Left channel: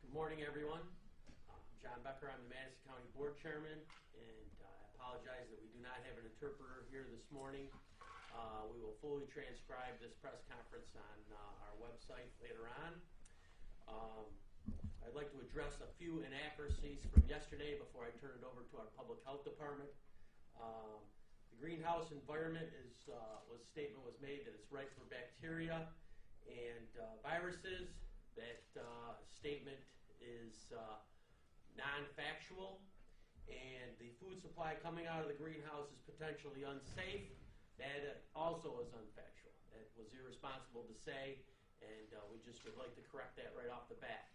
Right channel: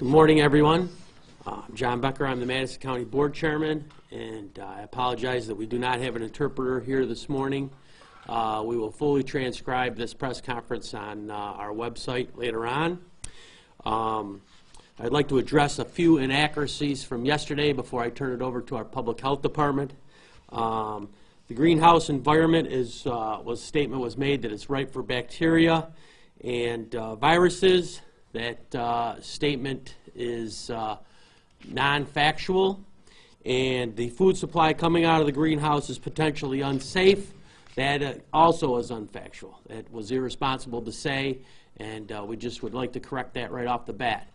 Good morning, everyone. I'm John Becker. I'm the Madison County Board Chairman, and I apologize that we do not have an interpreter here this morning. We will fully transcribe this press conference on our website later on. I'd like to address a few inaccuracies from yesterday before I turn it over to our Public Health Department. The greenhouse environment statement was made that it's ripe for bacteria and viruses. That statement is non-factual, and the food supply coming out of the greenhouse is potentially unsafe. That also is unfactual. It was irresponsible to say, and we just would like to correct that right off the bat.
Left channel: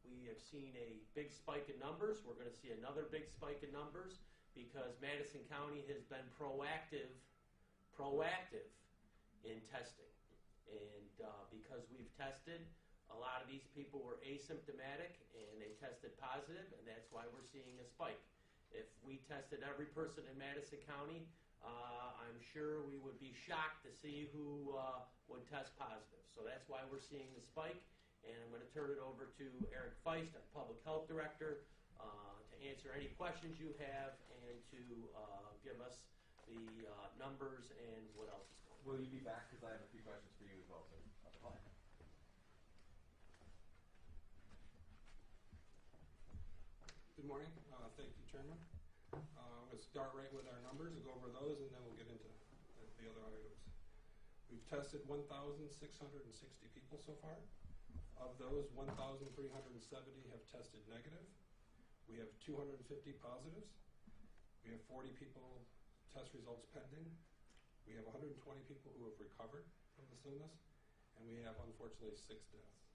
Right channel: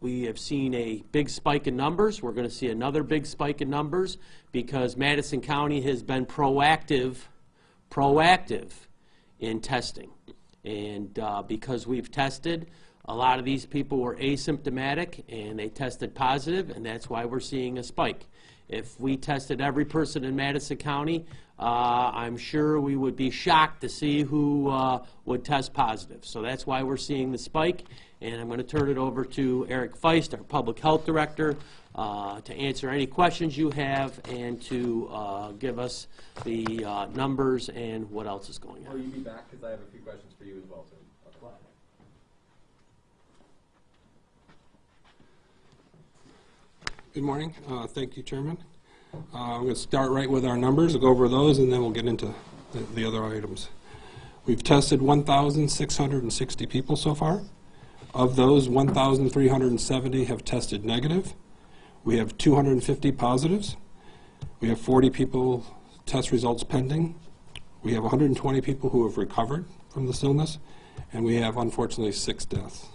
We have seen a big spike in numbers. We're going to see another big spike in numbers because Madison County has been proactive in testing. And because we've tested, a lot of these people were asymptomatic and they tested positive, and that's why we're seeing a spike. If we tested every person in Madison County, I'm sure we would be shocked to see who would test positive. So that's why we're seeing the spike. And I'm going to turn it over to Eric Feist, our Public Health Director, to answer any questions you have and to give us the numbers and what else is going on. Will you be back? Because I have a few questions for you as well. So. Good morning. Thank you, Chairman. I'm going to start right with our numbers. I'll go over those, and then we'll get into the other items. We've tested 1,660 people so far. Of those, 1,370 have tested negative. We have 250 positives. We have 40 people test results pending. We have 120 people who have recovered from this illness, and we have, unfortunately, 6 deaths.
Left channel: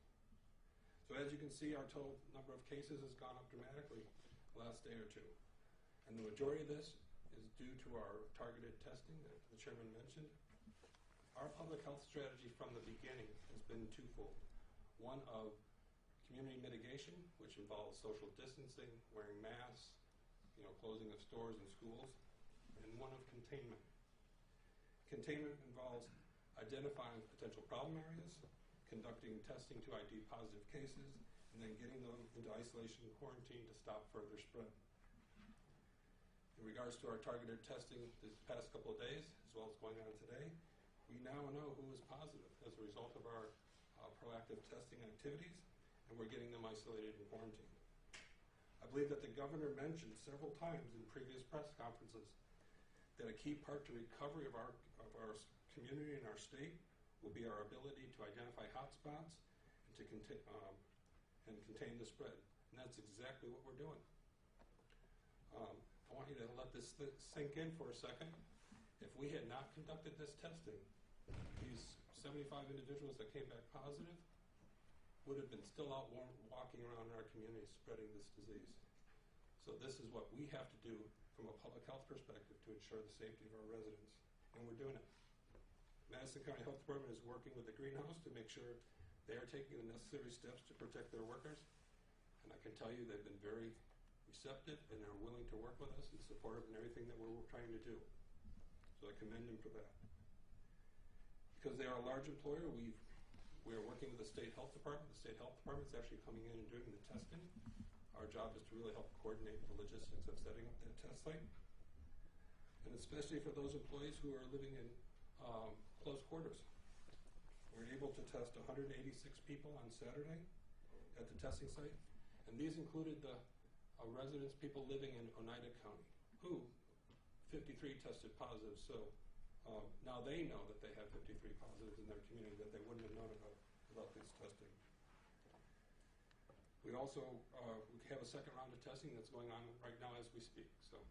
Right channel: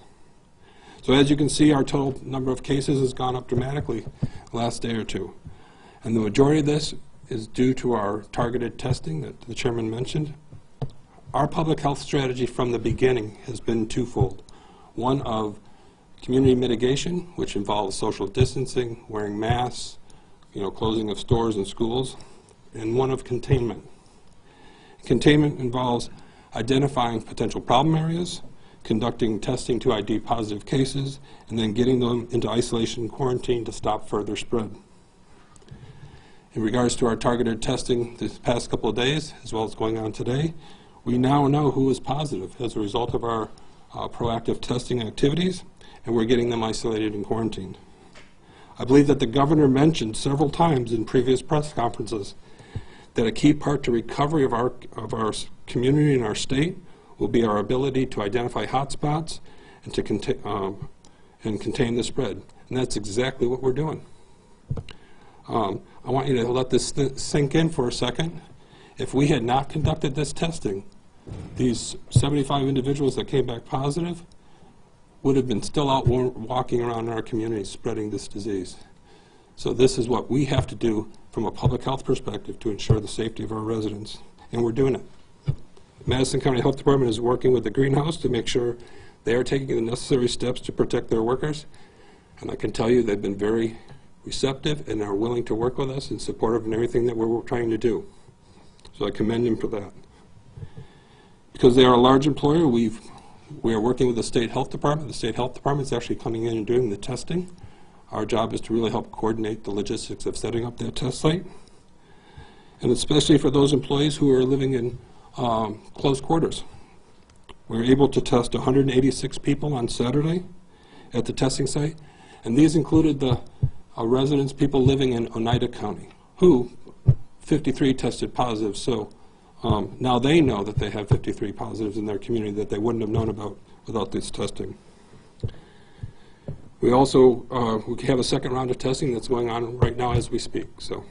So as you can see, our total number of cases has gone up dramatically the last day or two. And the majority of this is due to our targeted testing that the Chairman mentioned. Our public health strategy from the beginning has been twofold. One of community mitigation, which involves social distancing, wearing masks, closing of stores and schools, and one of containment. Containment involves identifying potential problem areas, conducting testing to ID positive cases, and then getting them into isolation and quarantine to stop further spread. In regards to our targeted testing this past couple of days, as well as going on today, we now know who is positive as a result of our proactive testing activities, and we're getting them isolated and quarantined. I believe that the governor mentioned several times in previous press conferences that a key part to recovery of our community and our state will be our ability to identify hotspots and to contain the spread. And that's exactly what we're doing. I want you to let this sink in for a second. If we had not conducted this testing, these 75 individuals that came back positive would have been still out walking around in our community spreading this disease. So this is what we have to do from a public health perspective to ensure the safety of our residents, and we're doing it. Madison County Health Department is working with the greenhouse to make sure they are taking the necessary steps to protect their workers, and I can tell you they've been very receptive and are willing to work with us and supportive in everything that we're trying to do. So I commend them for that. Because they are a large employer, we are working with the State Health Department. The State Health Department is actually coming in and doing the testing. Our job is to really help coordinate the logistics of setting up that test site. And especially for those employees who are living in close quarters. We were able to test 186 people on Saturday at the testing site, and these included the residents, people living in Oneida County, who 53 tested positive. So now they know that they have 53 positives in their community that they wouldn't have known about without this testing. We also we have a second round of testing that's going on right now as we speak. So,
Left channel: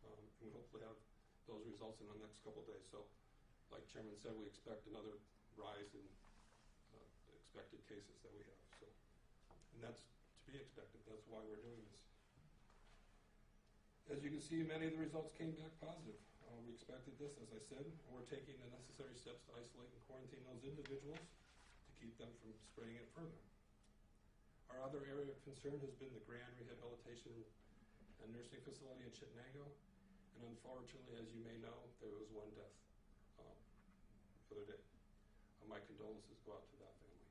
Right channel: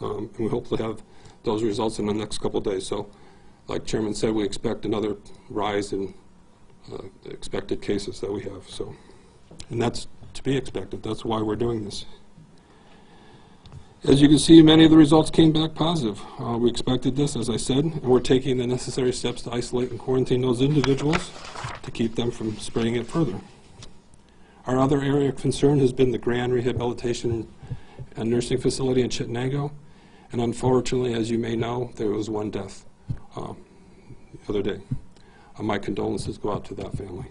and we hope to have those results in the next couple of days. So, like Chairman said, we expect another rise in expected cases that we have. So, and that's to be expected. That's why we're doing this. As you can see, many of the results came back positive. We expected this, as I said, and we're taking the necessary steps to isolate and quarantine those individuals to keep them from spreading it further. Our other area of concern has been the Grande Rehabilitation and Nursing Facility in Chittenango, and unfortunately, as you may know, there was one death the other day. My condolences go out to that family.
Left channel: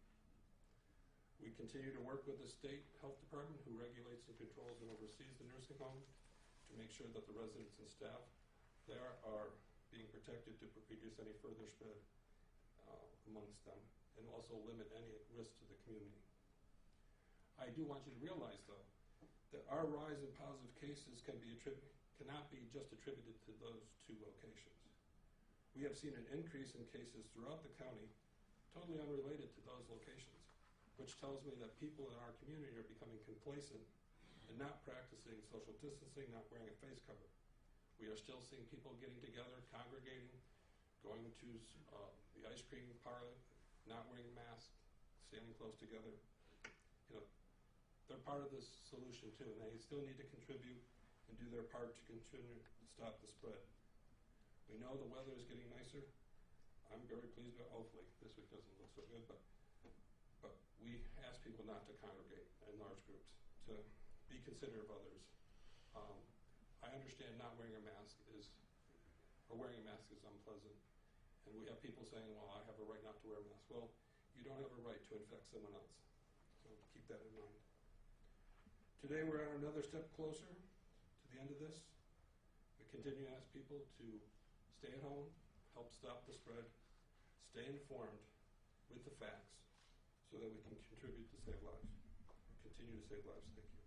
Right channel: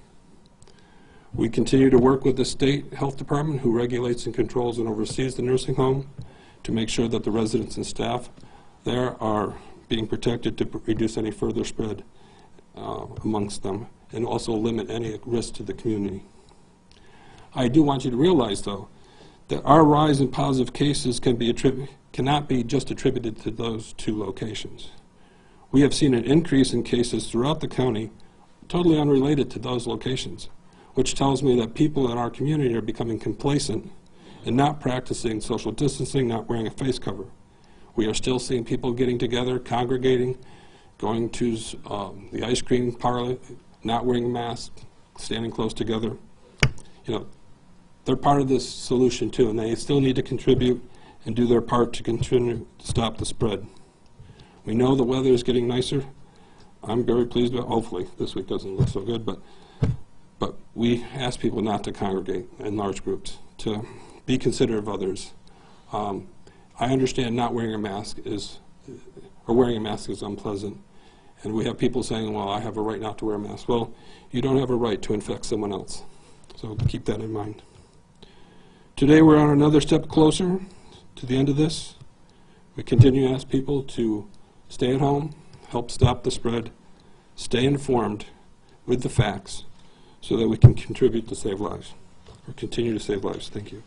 We continue to work with the state health department, who regulates and controls and oversees the nursing home, to make sure that the residents and staff there are being protected to reduce any further spread amongst them, and also limit any risk to the community. I do want you to realize, though, that our rise in positive cases cannot be just attributed to those two locations. We have seen an increase in cases throughout the county, totally unrelated to those locations, which tells me that people in our community are becoming complacent and not practicing social distancing, not wearing a face cover. We are still seeing people getting together, congregating, going to the ice cream parlor, not wearing masks, standing close together. You know, they're part of this solution too, and they still need to contribute and do their part to continue to stop the spread. We know the weather is getting nicer. I'm very pleased about, hopefully, this week doesn't look so good, but we ask people not to congregate in large groups, to be considerate of others. I understand not wearing a mask is, or wearing a mask is unpleasant. And we have people saying, well, I have a right not to wear a mask. Well, you don't have a right to infect someone else. So keep that in mind. Today we're on another step closer to the end of this. We continue to ask people to stay at home, help stop the spread, stay informed with the facts so that we can contribute to save lives, or continue to save lives. Thank you.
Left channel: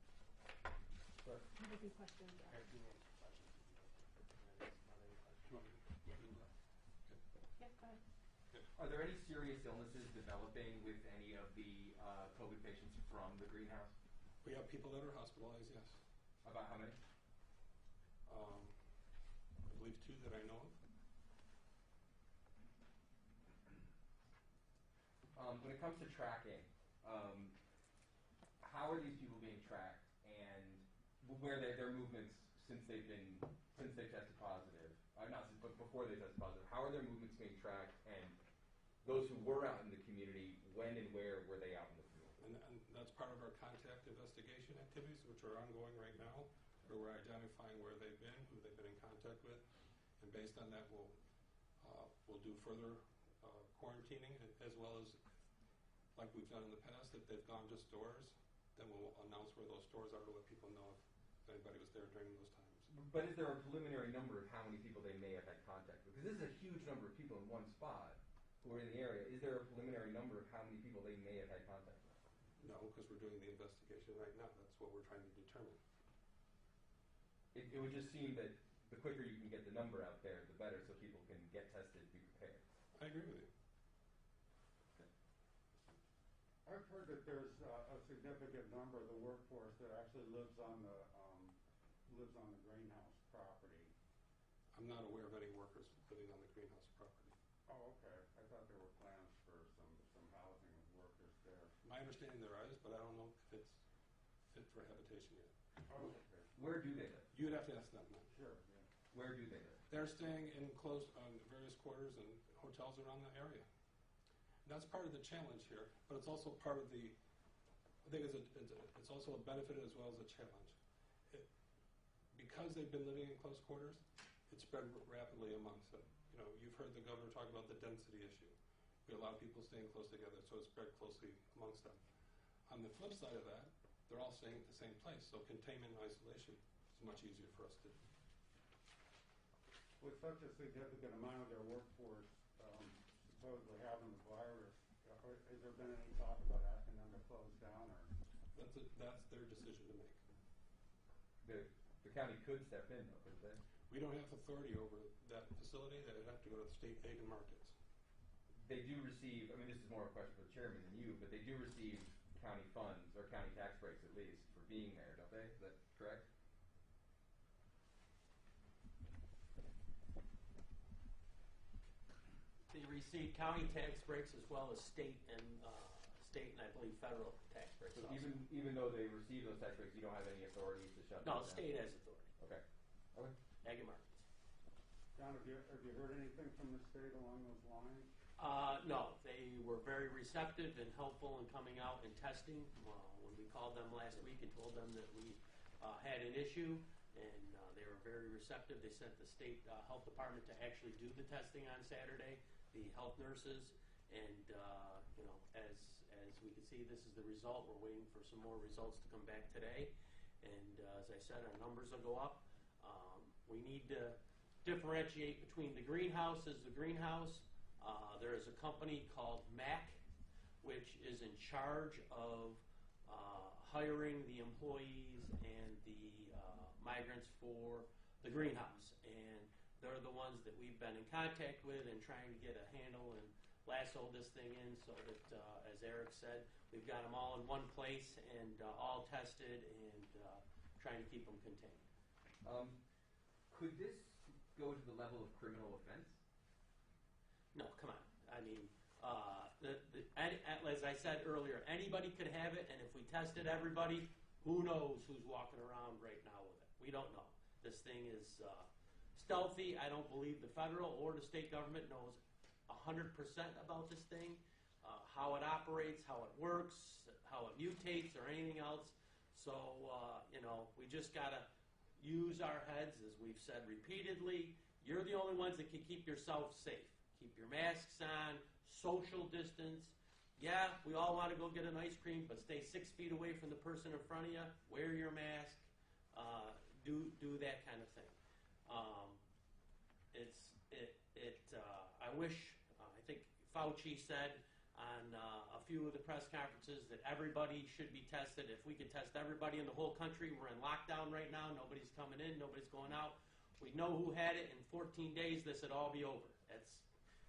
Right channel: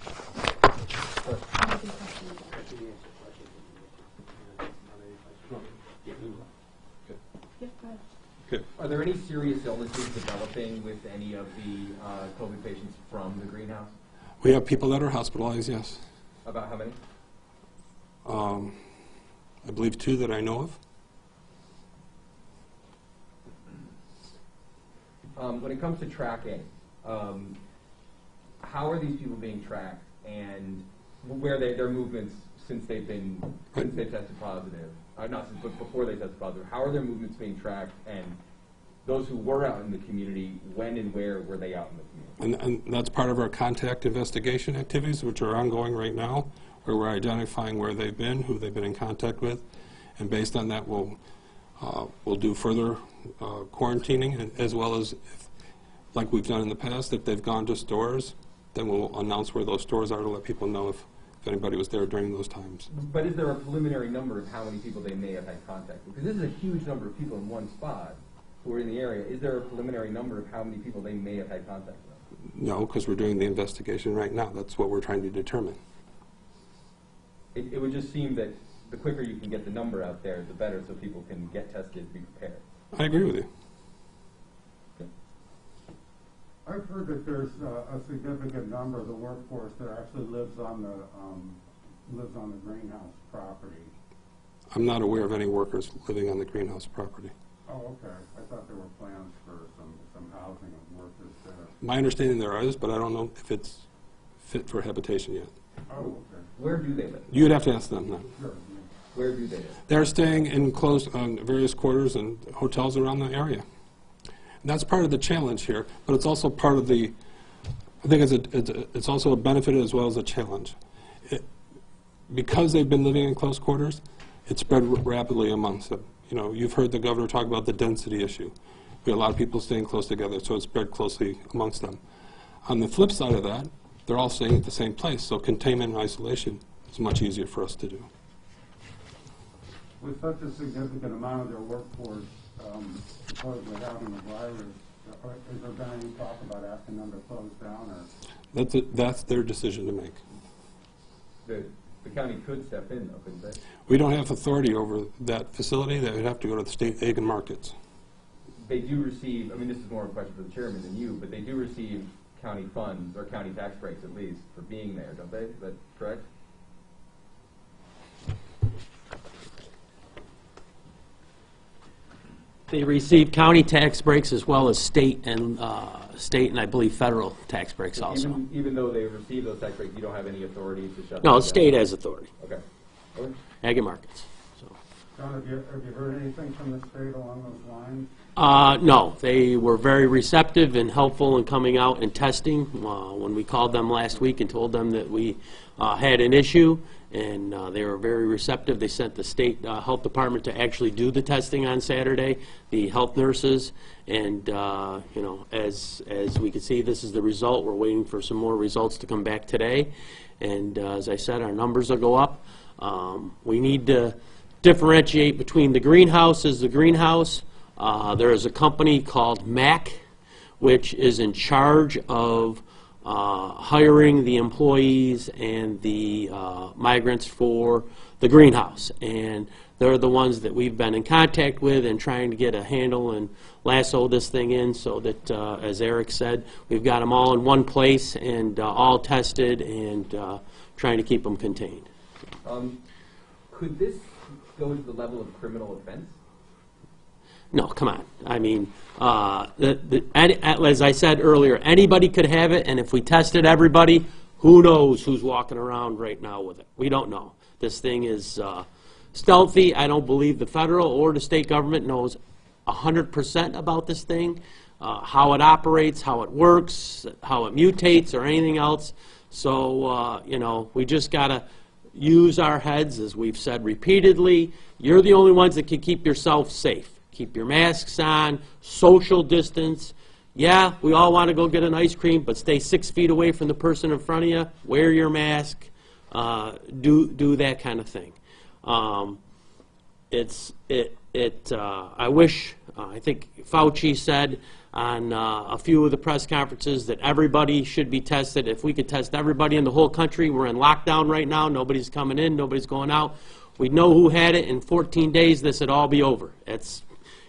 Okay. Are there any serious illnesses developing with any of the COVID patients from the greenhouse? We have people that are hospitalized, yes. About how many? I believe 2 that I know of. When it comes to tracking, how are these people being tracked, and where their movements since they've tested positive? Not since, but before they tested positive. How are their movements being tracked, and those who were out in the community, when and where were they out in the community? And that's part of our contact investigation activities, which are ongoing right now, where we're identifying where they've been, who they've been in contact with, and based on that, we'll do further quarantining, and as well as, like we've done in the past, if they've gone to stores, then we'll announce where those stores are to let people know if anybody was there during those times. But is there a preliminary number of how many people they may have had contact with? Because this is a huge number of people in one spot who are in the area. Is there a preliminary number of how many people they may have had contact with? No, because we're doing the investigation right now. That's what we're trying to determine. It would just seem that the quicker you can get the number out there, the better, so people can get tested, be prepared. I agree with you. Okay. I've heard that there's a significant number of the workforce that actually lives on the greenhouse property. I'm not aware of any workers living on the greenhouse property. Oh, okay. I thought there were plans for some housing of workers there. My understanding there is, but I don't know if it's fit for habitation yet. Oh, okay. Where do they live? You'd have to ask them that. Sure. Where do they live? They're staying in close on various quarters and hotels around the area. And that's part of the challenge here, but it's also part of the, I think it's also a benefit as well as a challenge. Because they've been living in close quarters, it spread rapidly amongst them. You know, you've heard the governor talk about the density issue. We have a lot of people staying close together, so it spread closely amongst them. On the flip side of that, they're all staying at the same place, so containment and isolation is much easier for us to do. With such a significant amount of their workforce supposedly having the virus, is there been any talk about asking them to close down? Or? That's their decision to make. The county could step in, though, couldn't they? We don't have authority over that facility. They would have to go to the state egg and markets. They do receive, I mean, this is more a question for the chairman than you, but they do receive county funds, or county tax breaks at least, for being there, don't they? Is that correct? They receive county tax breaks as well as state and I believe federal tax breaks also. Even though they receive those tax breaks, you don't have any authority to shut them No, down? the state has authority, Okay. Okay. ag and markets. So. John, have you heard anything from the state along those lines? No, they were very receptive and helpful in coming out and testing. When we called them last week and told them that we had an issue and they were very receptive. They sent the state health department to actually do the testing on Saturday, the health nurses, and you know, as we can see, this is the result. We're waiting for some more results to come back today, and as I said, our numbers will go up. We need to differentiate between the greenhouse. There is a company called MAC, which is in charge of hiring the employees and the migrants for the greenhouse. And they're the ones that we've been in contact with and trying to get a handle and lasso this thing in so that, as Eric said, we've got them all in one place and all tested and trying to keep them contained. Could this go to the level of criminal offense? No, come on. I mean, as I said earlier, anybody could have it, and if we tested everybody, who knows who's walking around right now with it? We don't know. This thing is stealthy. I don't believe the federal or the state government knows 100% about this thing, how it operates, how it works, how it mutates, or anything else. So, you know, we just got to use our heads, as we've said repeatedly. You're the only ones that can keep yourself safe. Keep your masks on, social distance. Yeah, we all want to go get an ice cream, but stay 6 feet away from the person in front of you. Wear your mask. Do that kind of thing. I wish, I think Fauci said on a few of the press conferences that everybody should be tested. If we could test everybody in the whole country, we're in lockdown right now. Nobody's coming in. Nobody's going out. We'd know who had it. In 14 days, this would all be over. It's,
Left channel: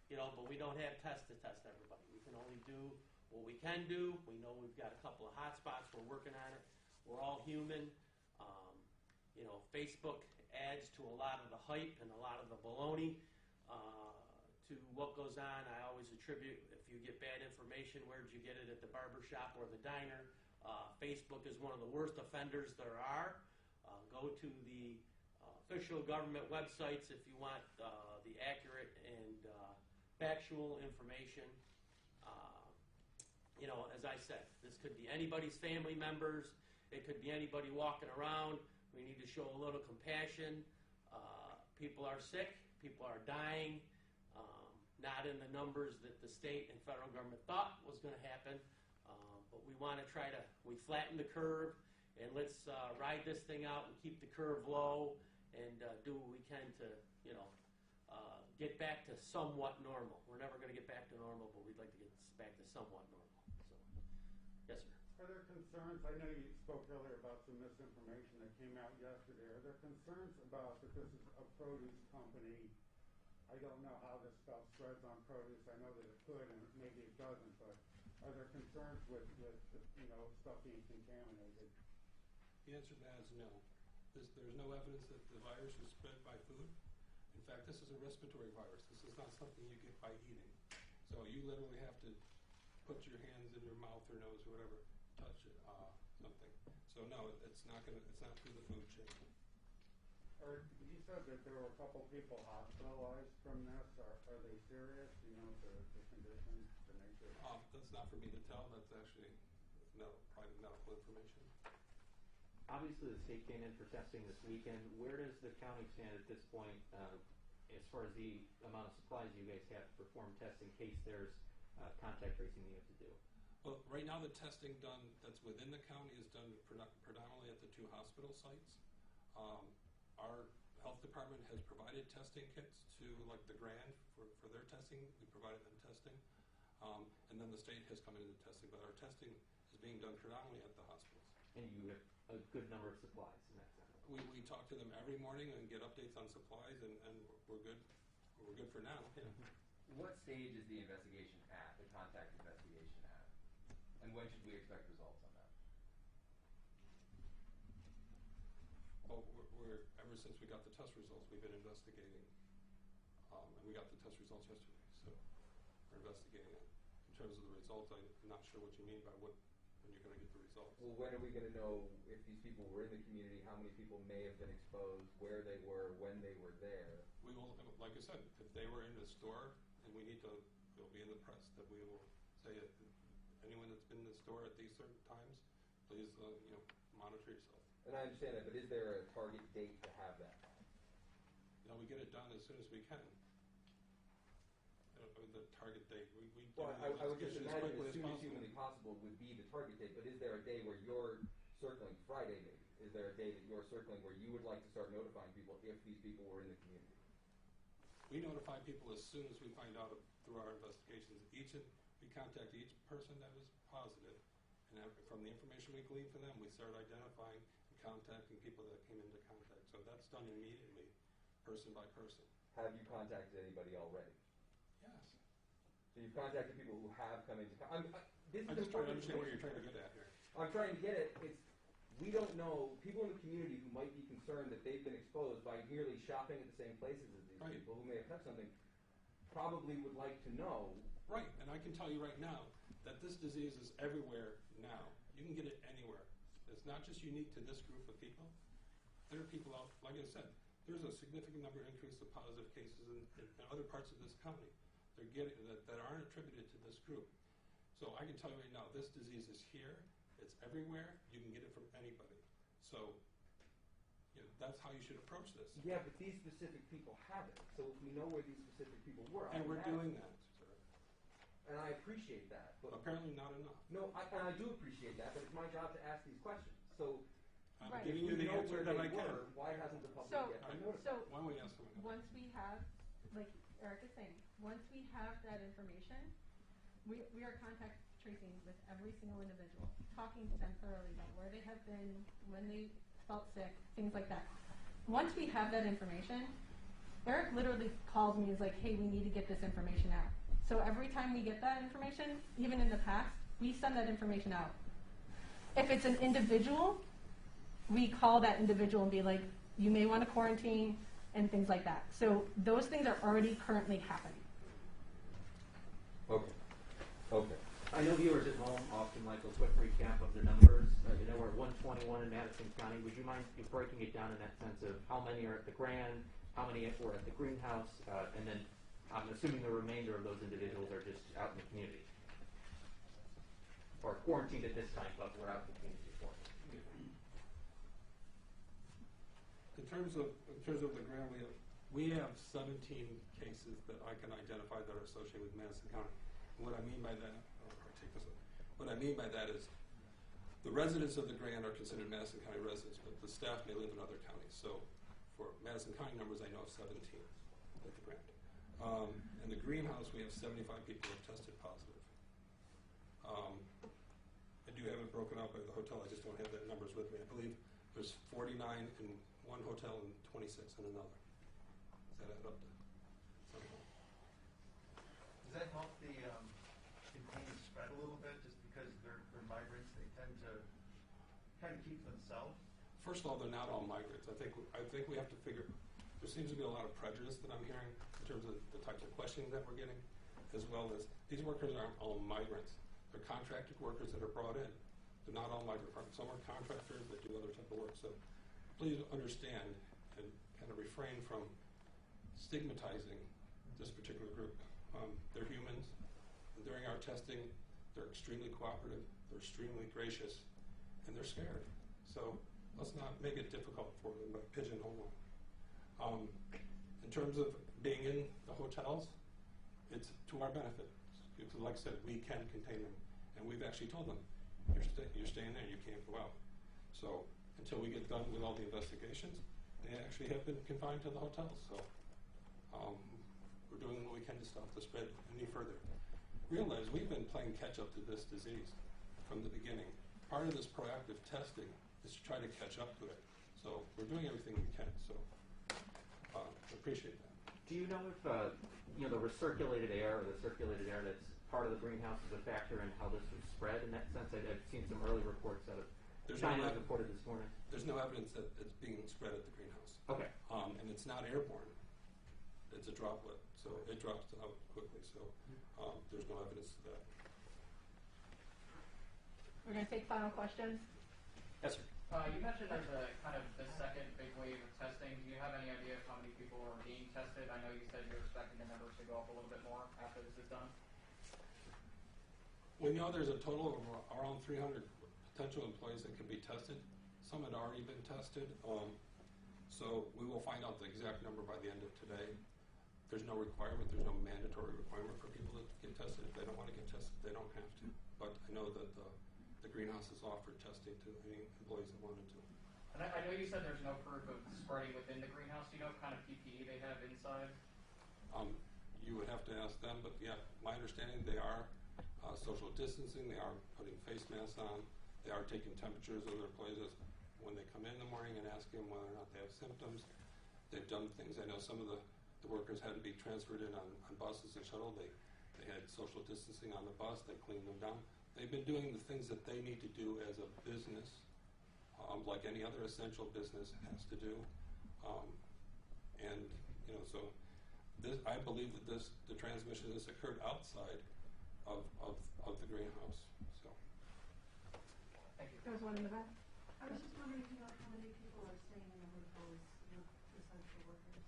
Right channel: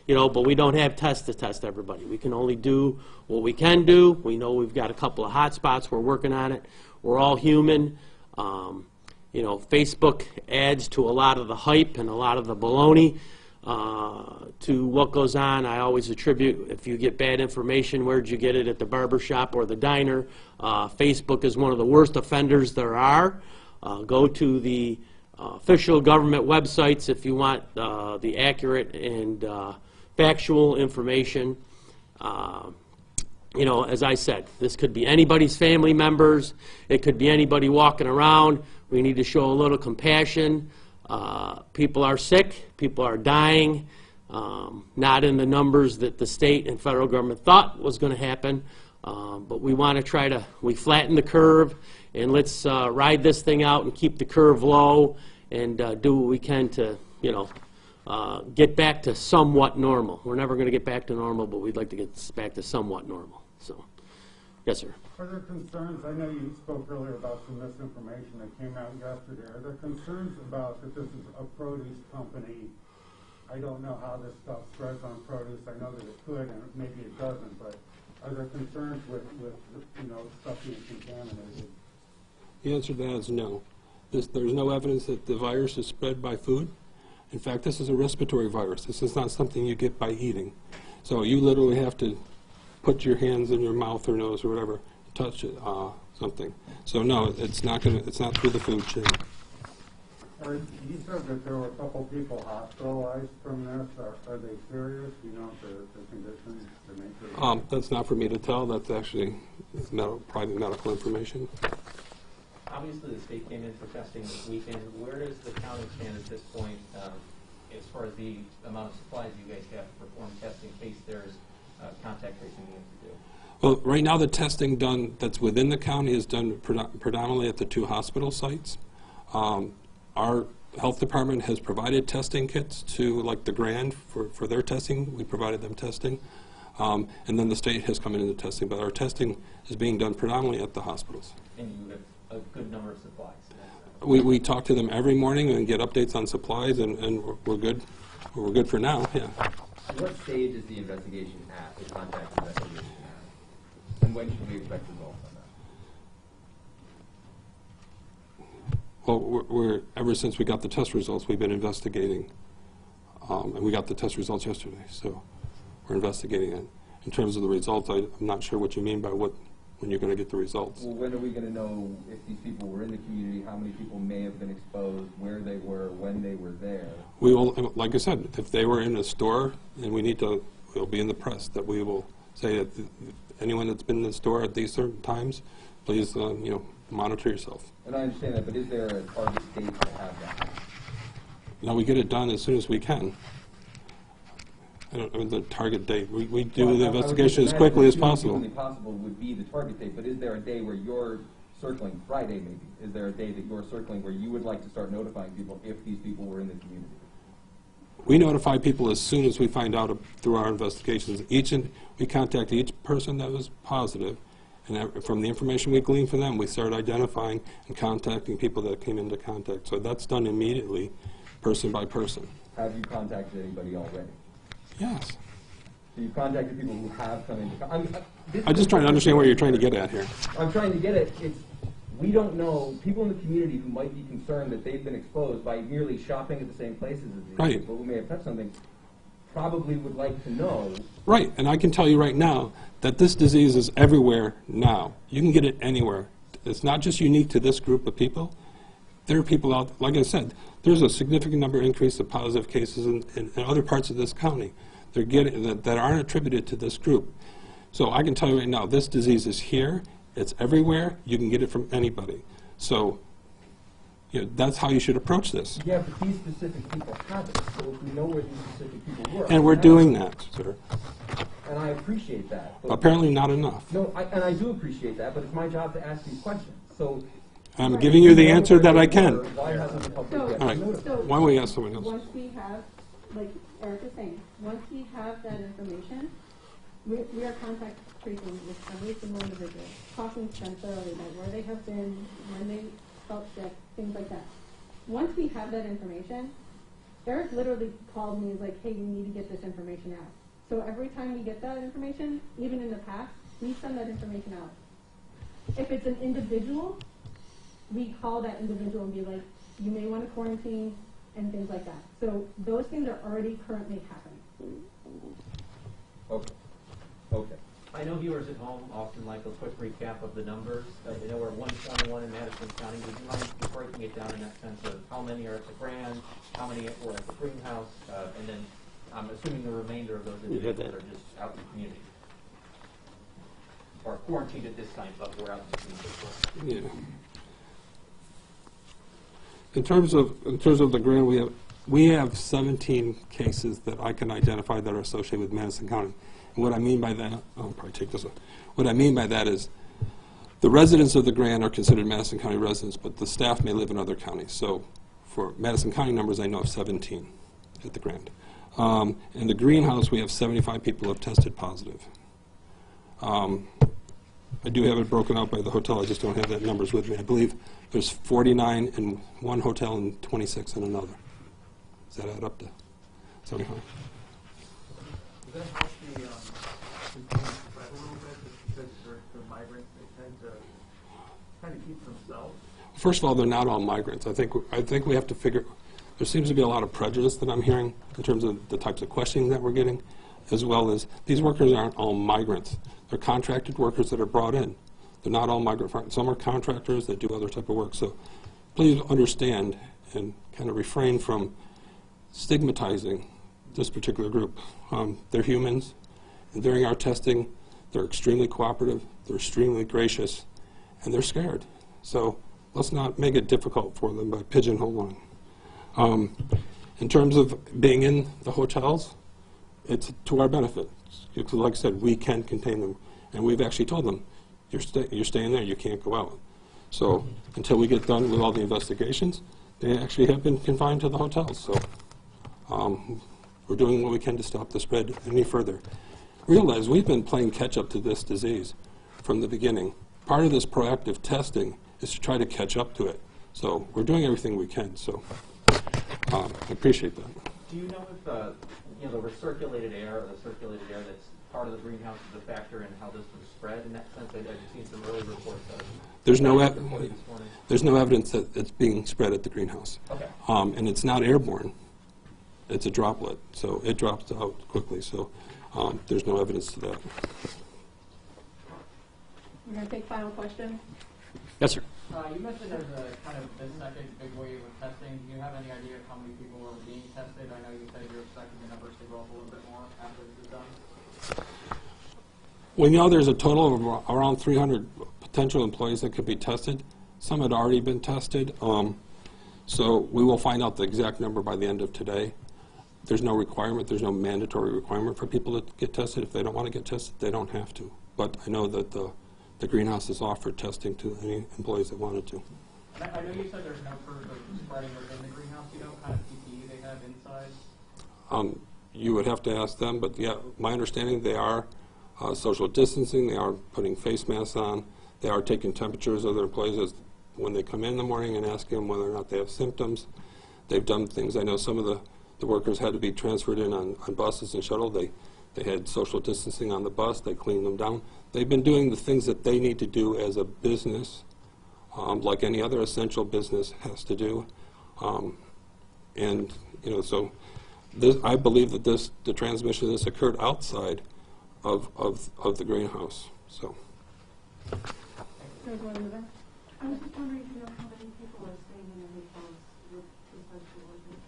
you know, but we don't have tests to test everybody. We can only do what we can do. We know we've got a couple of hot spots. We're working on it. We're all human. You know, Facebook adds to a lot of the hype and a lot of the baloney to what goes on. I always attribute, if you get bad information, where'd you get it, at the barber shop or the diner? Facebook is one of the worst offenders there are. Go to the official government websites if you want the accurate and factual information. You know, as I said, this could be anybody's family members. It could be anybody walking around. We need to show a little compassion. People are sick. People are dying. Not in the numbers that the state and federal government thought was going to happen. But we want to try to, we flatten the curve, and let's ride this thing out and keep the curve low and do what we can to, you know, get back to somewhat normal. We're never going to get back to normal, but we'd like to get back to somewhat normal. So, yes, sir. Are there concerns, I know you spoke earlier about some misinformation that came out yesterday. Are there concerns about that this is a produce company? I don't know how this stuff spreads on produce. I know that it could, and maybe it doesn't, but are there concerns with you know, stuff being contaminated? The answer to that is no. There's no evidence that the virus is spread by food. In fact, this is a respiratory virus. This is not something you get by eating. So you literally have to put your hands in your mouth or nose or whatever, touch it, something. So no, it's not through the food chain. You said that there were a couple people hospitalized from this. Are they serious? Do you know if the conditions, the nature? That's not for me to tell. That's actually private medical information. Obviously, the state came in for testing this weekend. Where does the county stand at this point as far as the amount of supplies you guys have to perform testing in case there's contact tracing you have to do? Well, right now the testing done that's within the county is done predominantly at the 2 hospital sites. Our health department has provided testing kits to, like, the Grande for their testing. We provided them testing. And then the state has come in and testing, but our testing is being done predominantly at the hospitals. And you have a good number of supplies? We talk to them every morning and get updates on supplies, and we're good. We're good for now, yeah. What stage is the investigation at, the contact investigation at? And when should we expect results on that? Well, ever since we got the test results, we've been investigating. And we got the test results yesterday, so we're investigating it. In terms of the results, I'm not sure what you mean by when you're going to get the results. Well, when are we going to know if these people were in the community, how many people may have been exposed, where they were, when they were there? We will, like I said, if they were in a store, and we'll be in the press that we will say that anyone that's been in the store at these certain times, please, you know, monitor yourself. And I understand that, but is there a target date to have that? Now, we get it done as soon as we can. I mean, the target date, we do Well, the I would investigation as imagine quickly as as soon possible. humanly possible would be the target date, but is there a day where you're circling, Friday maybe, is there a day that you're circling where you would like to start notifying people if these people were in the community? We notify people as soon as we find out through our investigations. We contact each person that was positive, and from the information we glean from them, we start identifying and contacting people that came into contact. So that's done immediately, person by person. Have you contacted anybody already? Yes. So you've contacted people who have come into contact? I'm just trying to understand what you're trying to get at here. I'm trying to get at, we don't know, people in the community who might be concerned that they've been exposed by merely shopping at the same places as these Right. people who may have touched something, probably would like to know. Right, and I can tell you right now that this disease is everywhere now. You can get it anywhere. It's not just unique to this group of people. There are people out, like I said, there's a significant number increase of positive cases in other parts of this county. They're getting that aren't attributed to this group. So I can tell you right now, this disease is here. It's everywhere. You can get it from anybody. So that's how you should approach this. Yeah, but these specific people have it. So if we know where these specific people were. And we're doing that, sir. And I appreciate that. But Apparently not enough. no, and I do appreciate that, but it's my job to ask these questions. So I'm giving you the answer that I can. why hasn't the public So- yet All right. notified? So Why don't we ask someone else? once we have, like Eric is saying, once we have that information, we are contact tracing with every single individual, talking to them thoroughly about where they have been, when they felt sick, things like that. Once we have that information, Eric literally called me and was like, hey, we need to get this information out. So every time we get that information, even in the past, we send that information out. If it's an individual, we call that individual and be like, you may want to quarantine and things like that. So those things are already currently happening. Okay. Okay. I know viewers at home often like a quick recap of the numbers. You know, we're at 121 in Madison County. Would you mind just breaking it down in that sense of how many are at the Grande, how many were at the greenhouse, and then I'm assuming the remainder of those You have individuals that. are just out in the community. Or quarantined at this time, but we're out in the community. Yeah. In terms of the Grande, we have 17 cases that I can identify that are associated with Madison County. And what I mean by that, I'll probably take this one. What I mean by that is the residents of the Grande are considered Madison County residents, but the staff may live in other counties. So for Madison County numbers, I know of 17 at the Grande. In the greenhouse, we have 75 people who have tested positive. I do have it broken out by the hotel. I just don't have that numbers with me. I believe there's 49 in one hotel and 26 in another. Does that add up to 75? Does that help the containment spread a little bit, just because they're migrants, they tend to kind of keep themselves? First of all, they're not all migrants. I think we have to figure. There seems to be a lot of prejudice that I'm hearing in terms of the types of questioning that we're getting, as well as these workers aren't all migrants. They're contracted workers that are brought in. They're not all migrant farmers. Some are contractors that do other type of work. So please understand and kind of refrain from stigmatizing this particular group. They're humans, and during our testing, they're extremely cooperative, they're extremely gracious, and they're scared. So let's not make it difficult for them by pigeonholing. In terms of being in the hotels, it's to our benefit. Because like I said, we can contain them, and we've actually told them, you're staying there, you can't go out. So until we get done with all the investigations, they actually have been confined to the hotels. So we're doing what we can to stop the spread any further. Realize we've been playing catch up to this disease from the beginning. Part of this proactive testing is to try to catch up to it. So we're doing everything we can. So I appreciate that. Do you know if the recirculated air or the circulated air that's part of the greenhouse is a factor in how this would spread in that sense? I've seen some early reports of There's no reported this morning. There's no evidence that it's being spread at the greenhouse. Okay. And it's not airborne. It's a droplet, so it drops out quickly. So there's no evidence to that. We're going to take final question. Yes, sir. You mentioned there's a kind of this second big wave of testing. Do you have any idea of how many people are being tested? I know you said you're expecting the numbers to go up a little bit more after this is done. We know there's a total of around 300 potential employees that could be tested. Some had already been tested. So we will find out the exact number by the end of today. There's no requirement, there's no mandatory requirement for people to get tested. If they don't want to get tested, they don't have to. But I know that the greenhouse has offered testing to any employees that wanted to. And I know you said there's no proof of spreading within the greenhouse. Do you know what kind of PPE they have inside? You would have to ask them, but yeah, my understanding, they are social distancing, they are putting face masks on, they are taking temperatures of their employees when they come in the morning and asking them whether or not they have symptoms. They've done things. I know some of the workers had to be transferred in on buses and shuttle. They had social distancing on the bus. They cleaned them down. They've been doing the things that they need to do as a business, like any other essential business has to do. And, you know, so I believe that the transmission of this occurred outside of the greenhouse. So. There's one in the back. I was just wondering if you know how many people are staying in the hotels with essential workers.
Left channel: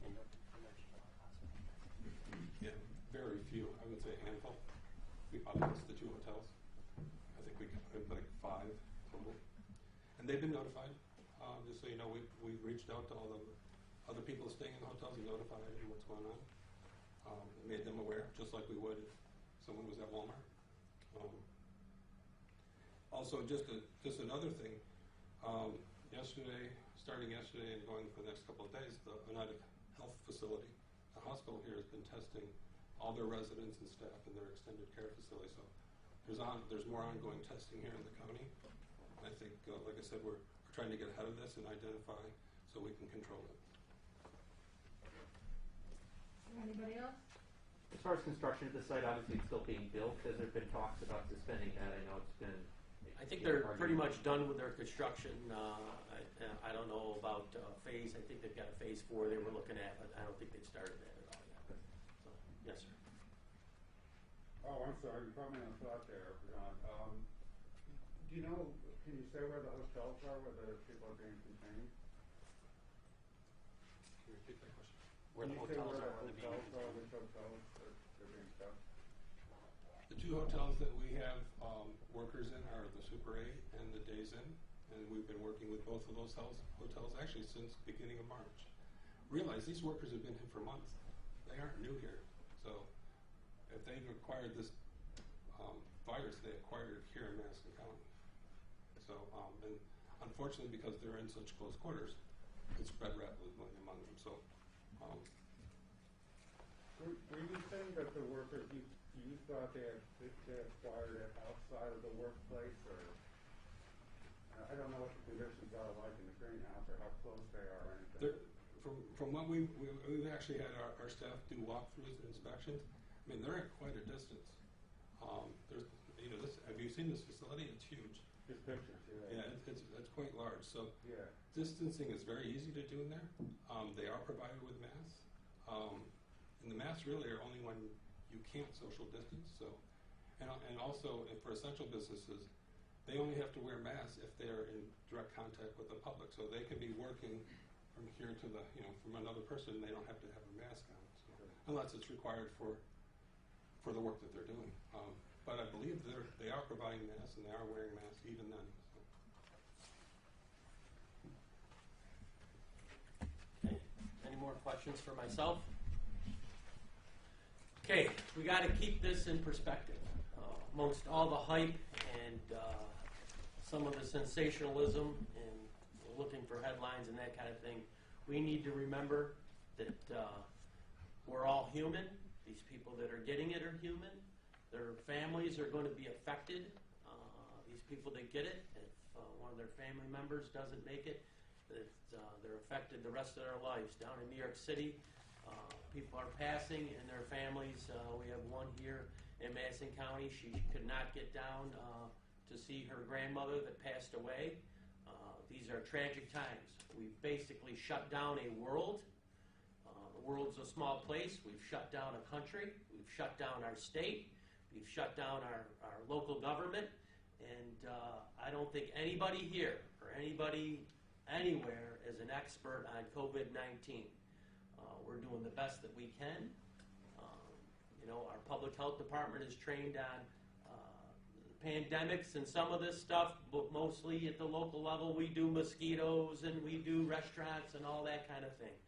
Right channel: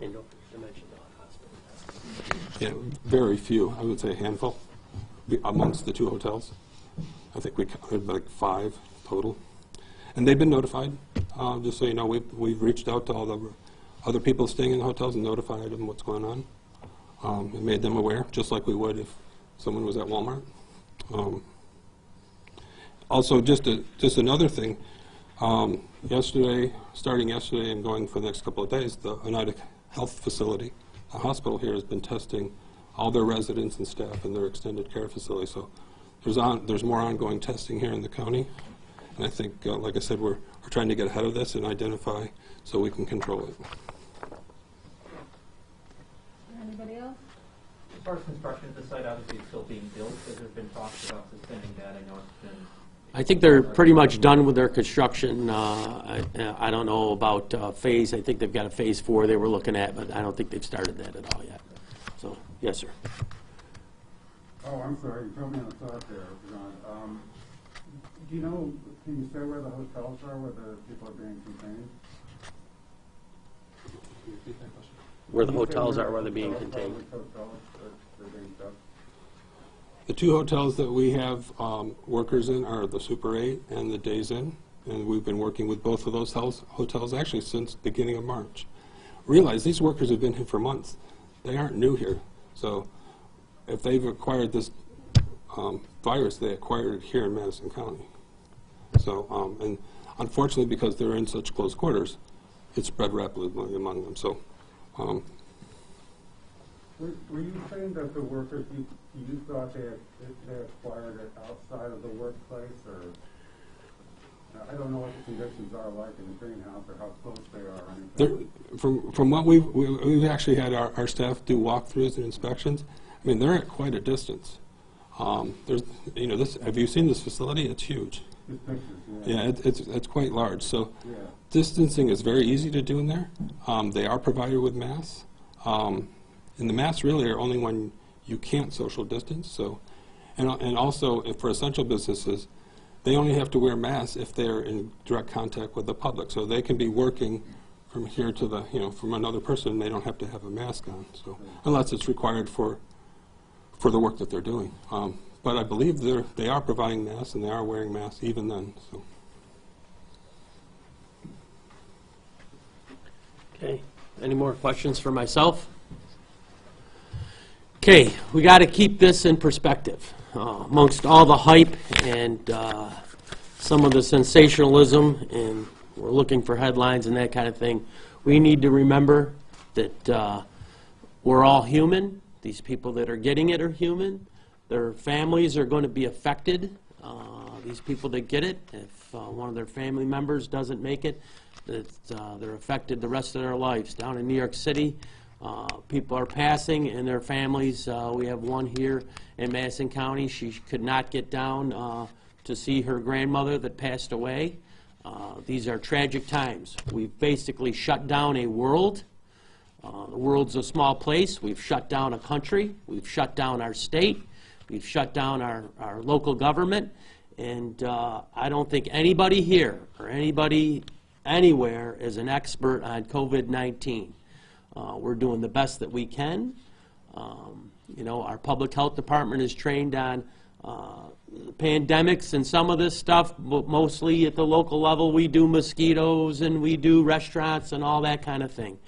And don't mention the hospital. Yeah, very few. I would say a handful amongst the two hotels. I think we counted like 5 total. And they've been notified. Just so you know, we've reached out to all the other people staying in the hotels and notified them what's going on. And made them aware, just like we would if someone was at Walmart. Also, just another thing, starting yesterday and going for the next couple of days, the United Health Facility, the hospital here, has been testing all their residents and staff in their extended care facility. So there's more ongoing testing here in the county. And I think, like I said, we're trying to get ahead of this and identify so we can control it. Anybody else? As far as construction of the site, obviously it's still being built, has there been talks about suspending that? I know it's been... I think they're pretty much done with their construction. I don't know about phase. I think they've got a phase 4 they were looking at, but I don't think they've started that at all yet. So, yes, sir. Oh, I'm sorry, you threw me on the spot there, John. Do you know, can you say where the hotels are, where the people are being contained? Where the Can you say hotels are, the where they're being hotels are, contained. which hotels they're being kept? The 2 hotels that we have workers in are the Super 8 and the Days Inn, and we've been working with both of those hotels actually since the beginning of March. Realize these workers have been here for months. They aren't new here. So if they've acquired this virus, they acquired it here in Madison County. So, and unfortunately, because they're in such close quarters, it spread rapidly among them. So. Were you saying that the workers, you thought they acquired it outside of the workplace, or I don't know what the conditions are like in the greenhouse or how close they are or anything? From what we've actually had our staff do walkthroughs and inspections. I mean, they're at quite a distance. There's, you know, have you seen this facility? It's huge. Just pictures, yeah. Yeah, it's quite large. So Yeah. distancing is very easy to do in there. They are provided with masks. And the masks really are only when you can't social distance. So, and also for essential businesses, they only have to wear masks if they're in direct contact with the public. So they can be working from here to the, you know, from another person. They don't have to have a mask on. So unless it's required for the work that they're doing. But I believe they are providing masks and they are wearing masks even then. So. Okay. Any more questions for myself? Okay, we got to keep this in perspective. Amongst all the hype and some of the sensationalism, and we're looking for headlines and that kind of thing, we need to remember that we're all human. These people that are getting it are human. Their families are going to be affected. These people that get it, if one of their family members doesn't make it, that they're affected the rest of their lives. Down in New York City, people are passing and their families. We have one here in Madison County. She could not get down to see her grandmother that passed away. These are tragic times. We've basically shut down a world. The world's a small place. We've shut down a country. We've shut down our state. We've shut down our local government. And I don't think anybody here or anybody anywhere is an expert on COVID-19. We're doing the best that we can. You know, our public health department is trained on pandemics and some of this stuff, but mostly at the local level, we do mosquitoes and we do restaurants and all that kind of thing.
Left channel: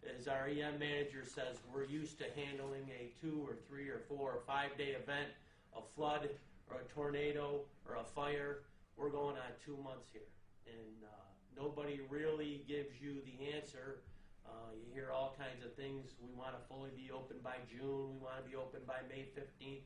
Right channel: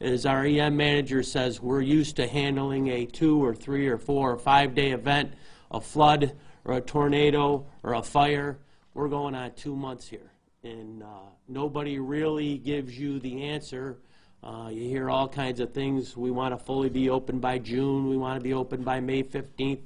As our EM manager says, we're used to handling a 2 or 3 or 4 or 5 day event, a flood or a tornado or a fire. We're going on 2 months here, and nobody really gives you the answer. You hear all kinds of things. We want to fully be open by June. We want to be open by May 15th.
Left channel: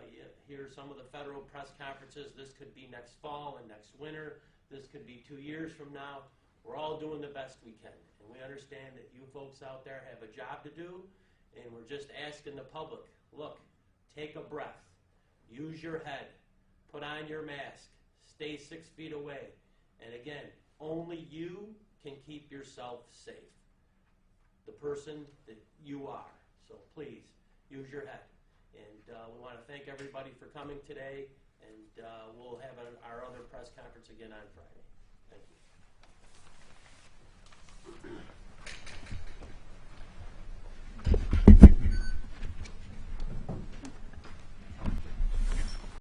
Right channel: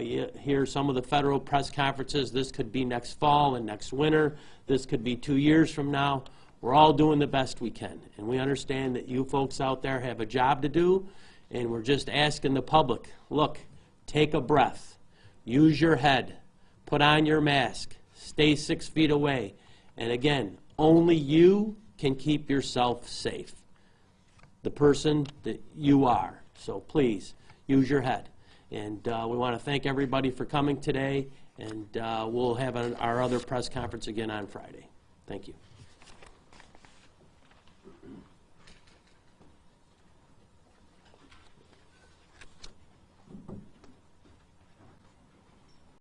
You hear some of the federal press conferences. This could be next fall and next winter. This could be 2 years from now. We're all doing the best we can, and we understand that you folks out there have a job to do, and we're just asking the public, look, take a breath, use your head, put on your mask, stay 6 feet away, and again, only you can keep yourself safe, the person that you are. So please, use your head. And we want to thank everybody for coming today, and we'll have our other press conference again on Friday. Thank you.